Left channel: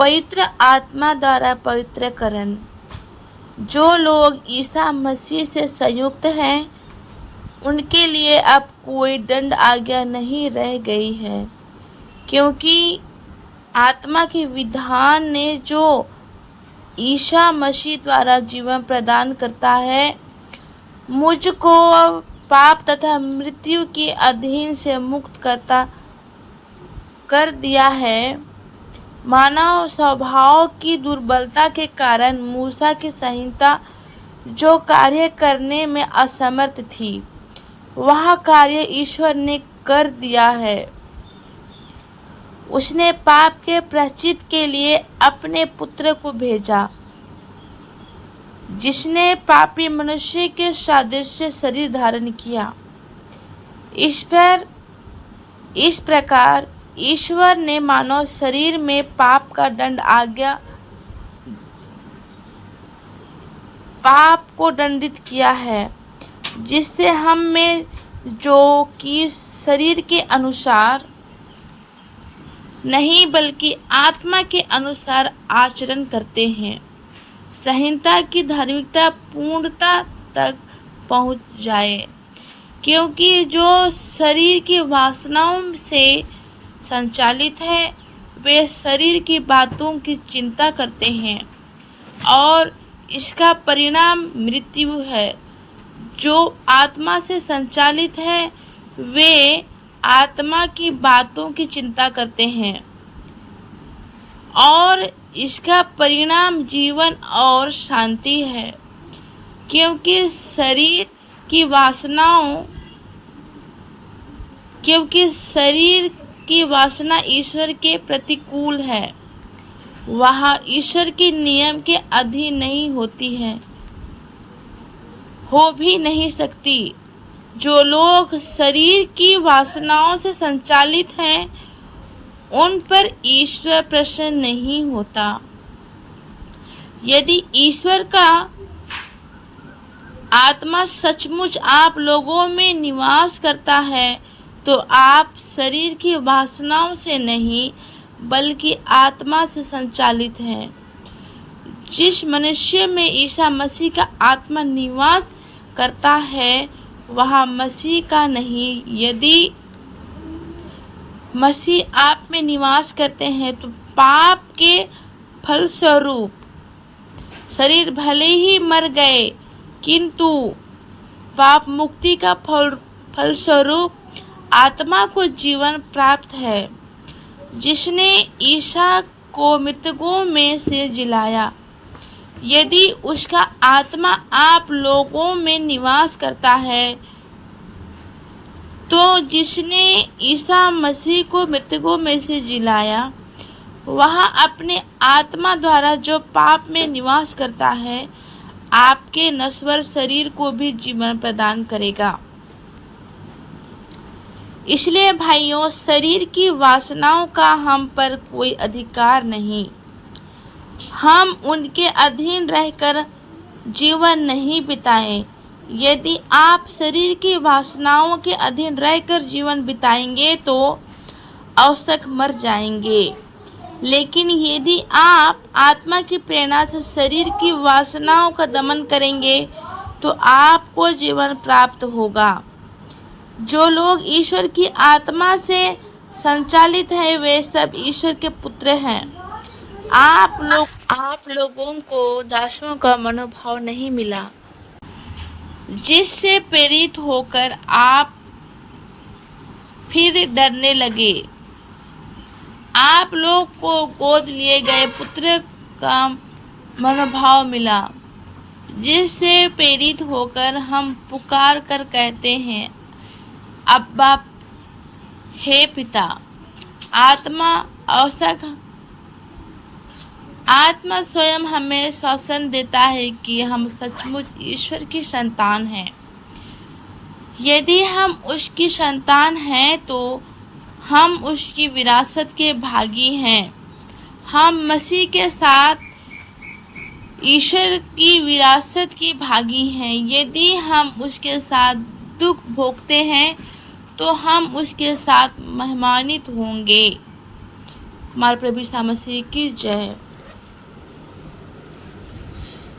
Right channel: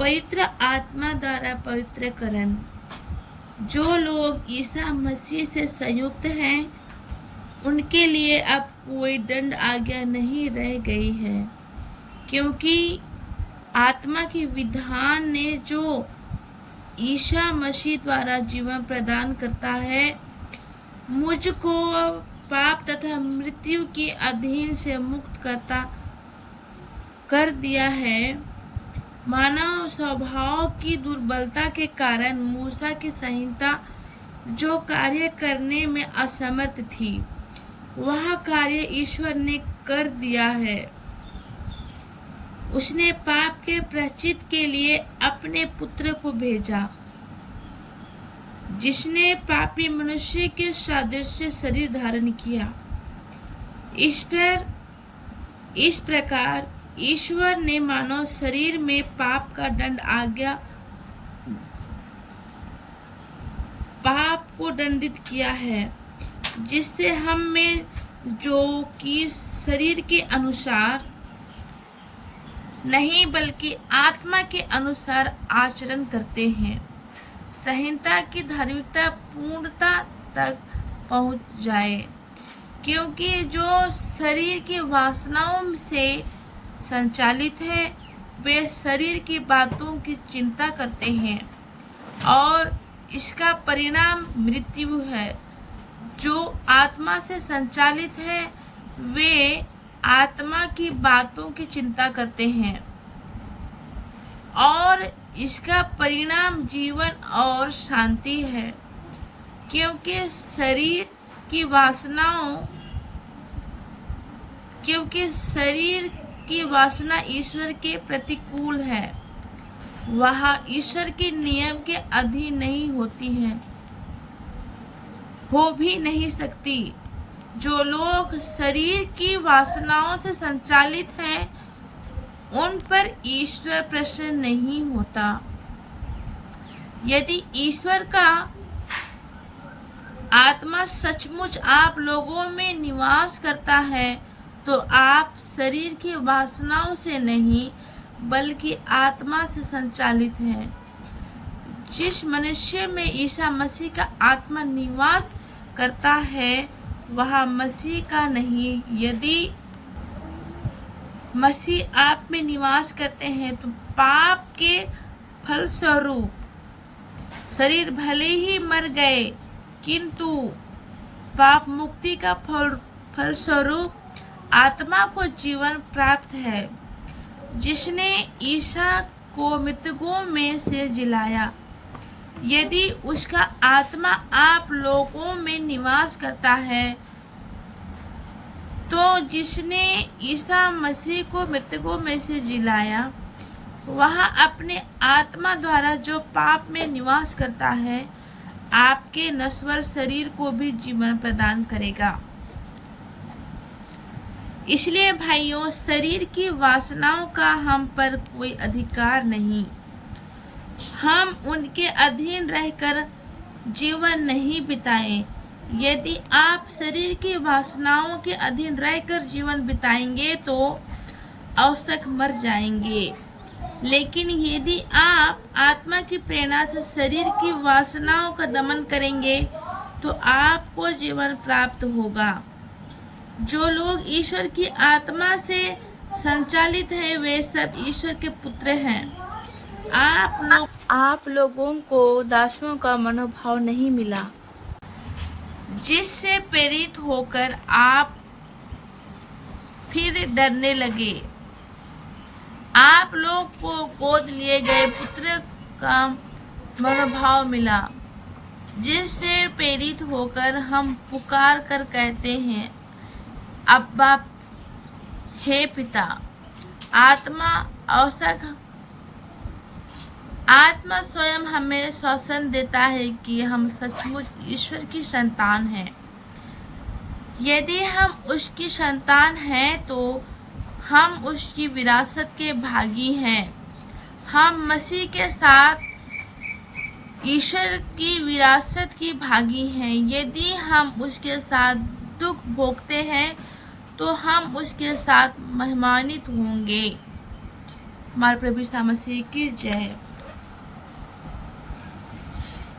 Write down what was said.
पवित्र आत्मा द्वारा पवित्रकरण। जो लोग ईसा मसीह से संयुक्त हैं उनके लिए अब कोई दंड आज्ञा नहीं रह गई है, क्योंकि आत्मा के विधान ने जो ईसा मसीह द्वारा जीवन प्रदान करता है मुझको अब पाप तथा मृत्यु के अधीन से मुक्त करता कर दिया है। मानव स्वभाव की दुर्बलता के कारण मूसा की संहिता जो कार्य करने में असमर्थ थी वह कार्य ईश्वर ने कर दिया है। उसने पाप के प्रायश्चित के लिए अपने पुत्र को भेजा, जिसने पापी मनुष्य के सादृश्य शरीर धारण किया। इस प्रकार ईश्वर ने मानव शरीर में पाप का दंड आज्ञा पाप को दंडित किया है, जिससे हम में जो कि शरीर के अनुसार नहीं बल्कि आत्मा के अनुसार आचरण करते हैं, संहिता की धार्मिकता पूर्णता तक पहुंच जाए। क्योंकि जो शरीर की वासनाओं से संचालित है वे शरीर की बातों की चिंता करते हैं और इसका परिणाम मृत्यु है। जो आत्मा से संचालित है वे आत्मा की बातों की चिंता करते हैं और इसका परिणाम जीवन और शांति है। क्योंकि शरीर की वासना ईश्वर के प्रतिकूल है, वह ईश्वर के नियम के अधीन नहीं होती है, हो भी नहीं सकती। जो लोग शरीर की वासनाओं से संचालित हैं उन पर ईश्वर प्रसन्न नहीं होता। यदि ईश्वर का आत्मा सचमुच आप लोगों में निवास करता है तो आप शरीर की वासनाओं से नहीं बल्कि आत्मा से संचालित हैं। जिस मनुष्य में ईसा मसीह का आत्मा निवास करता है वह मसीह का नहीं। यदि मसीह आप में निवास करते हैं तो पाप के फलस्वरूप शरीर भले ही मर गए किंतु पाप मुक्ति का फलस्वरूप आत्मा को जीवन प्राप्त है, जिसने ईसा को मृतकों में से जिलाया। यदि उसका आत्मा आप लोगों में निवास करता है तो जिसने ईसा मसीह को मृतकों में से जिलाया वह अपने आत्मा द्वारा जो पाप में निवास करता है आपके नश्वर शरीर को भी जीवन प्रदान करेगा। इसलिए भाइयों, शरीर की वासनाओं का हम पर कोई अधिकार नहीं। हम उनके अधीन रहकर जीवन नहीं बिताएं। यदि आप शरीर की वासनाओं के अधीन रहकर जीवन बिताएंगे तो अवश्य मर जाएंगे। लेकिन यदि आप आत्मा की प्रेरणा से शरीर की वासनाओं का दमन करेंगे तो आपको जीवन प्राप्त होगा। जो लोग ईश्वर की आत्मा से संचालित हैं वे सब ईश्वर के पुत्र हैं। आप लोगों को दासों का मनोभाव नहीं मिला, जिससे प्रेरित होकर आप फिर डरने लगे। आप लोग को गोद लिए गए पुत्र का मनोभाव मिला, जिससे प्रेरित होकर हम पुकार कर कहते हैं, अब्बा, हे पिता। आत्मा स्वयं हमें शासन देता है कि हम सचमुच ईश्वर की संतान हैं। यदि हम उसकी संतान हैं तो हम उसकी विरासत के भागी हैं। हम मसीह के साथ ईश्वर की विरासत की भागी हैं। यदि हम उसके साथ दुख भोगते हैं तो हम उसके साथ महिमान्वित होंगे। हमारे प्रभु यीशु मसीह की जय।